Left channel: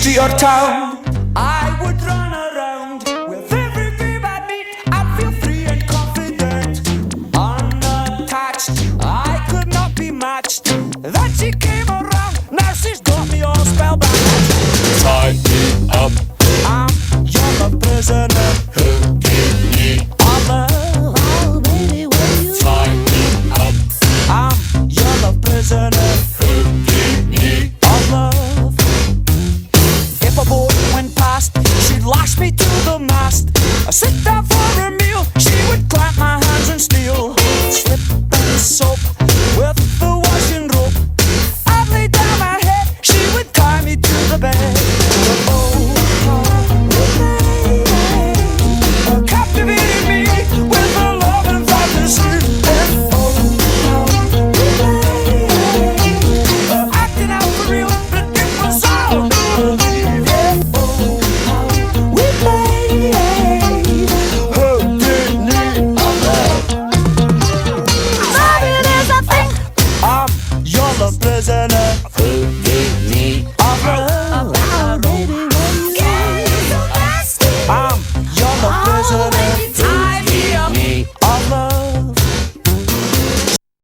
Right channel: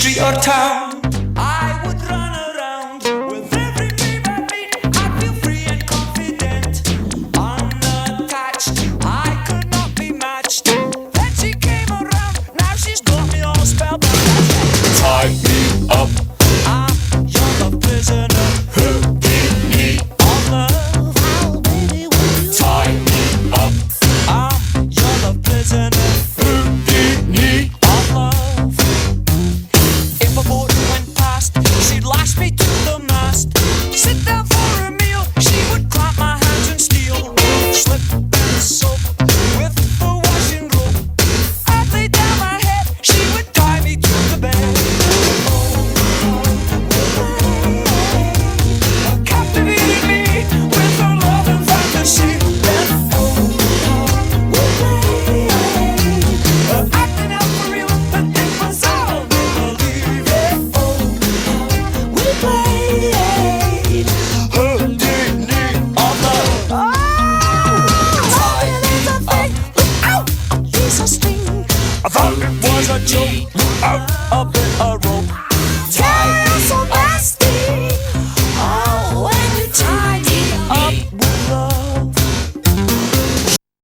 street or town. I would run around with every babe I meet. I feel free and confident, unattached. I could not be matched. Then she came around, now she's got me all spellbound. Tie me up, You're the prisoner. Hou-Di-Ni. Tie me up, You're the prisoner. Hou-Di-Ni. Of love. If a boat went past, she'd lash me to the mast. I'd sit down for a meal, she would clamp my hands and steal. Slip and soap with the washing rope. I'd lay down my head, she would tie me to the bed. Captivating me with her love and fantasy. Acting out for real, the dick was out. Believe it. We played Hou-Di-Ni. Tired as I think. You're the prisoner. I thought it was a joke.